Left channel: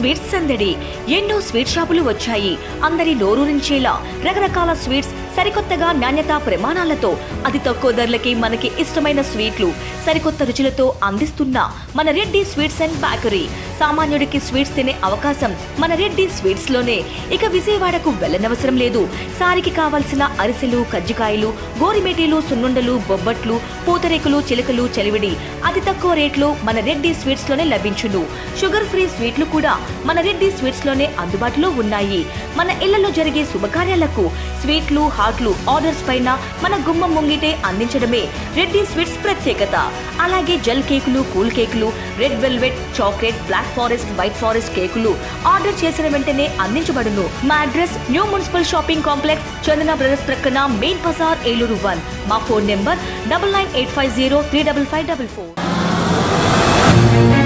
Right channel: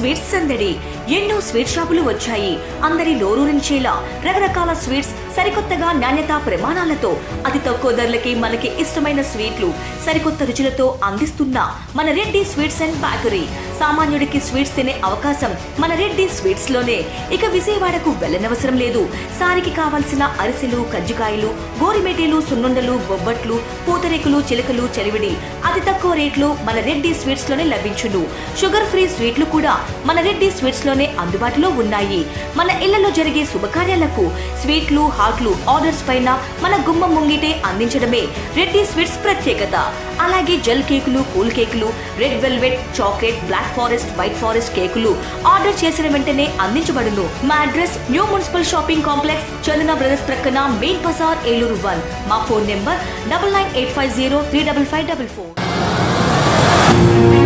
Sweets సందడి. ఎన్నో sweet షాపులు వచ్చాయి. అందరి నోరూరించేలా రకరకాల స్వీట్స్ సరికొత్తగా నాణ్యతా ప్రమాణాలతో అతి తక్కువ ధరలకి మనకి ఇష్టమైన స్వీట్లు సరికొత్త రుచులతో అందిస్తున్న మన రెడ్డి స్వీట్స్ అండ్ బేకరీ. సామాన్యుడికి స్వీట్స్ తినే అవకాశం మన రెడ్డి స్వీట్స్ లోనే. ఇక విజయవాడకు వెళ్ళనవసరం లేదు. సారికి కావాల్సిన అరిసెలు, కజ్జికాయలు, గోరిమేటీలు, సున్నుండలు, బొబ్బట్లు, పూతరేకులు, చిలకలు, చలివిడి అతి తక్కువ రేట్లు మన రెడ్డి స్వీట్స్ లోనే లభించును. షుగర్ ఫ్రీ స్వీట్లు కూడా మన రెడ్డి స్వీట్స్ లోనే అందుబాటులో ఉన్నాయి. మన ఇళ్లలో జరిగే శుభకార్యాలకు స్వీట్లు, హాట్లు ఆర్డర్స్ పైన మన గుమ్మం ముంగిటే అందించడమే రెడ్డి స్వీట్స్ ప్రత్యేకత. అలాగే జెల్ కేకులు, కూల్ కేకులు, red velvet, chocolate, black forest, white forest కేకులు ఆర్డర్ చేసిన వెంటనే అందించబడును. మా address new municipal shopping complex, Chandana brothers ప్రక్కన, మెయిన్ బజార్, ఏలూరు 1. మా ఫోన్ నెంబర్ 9985035554.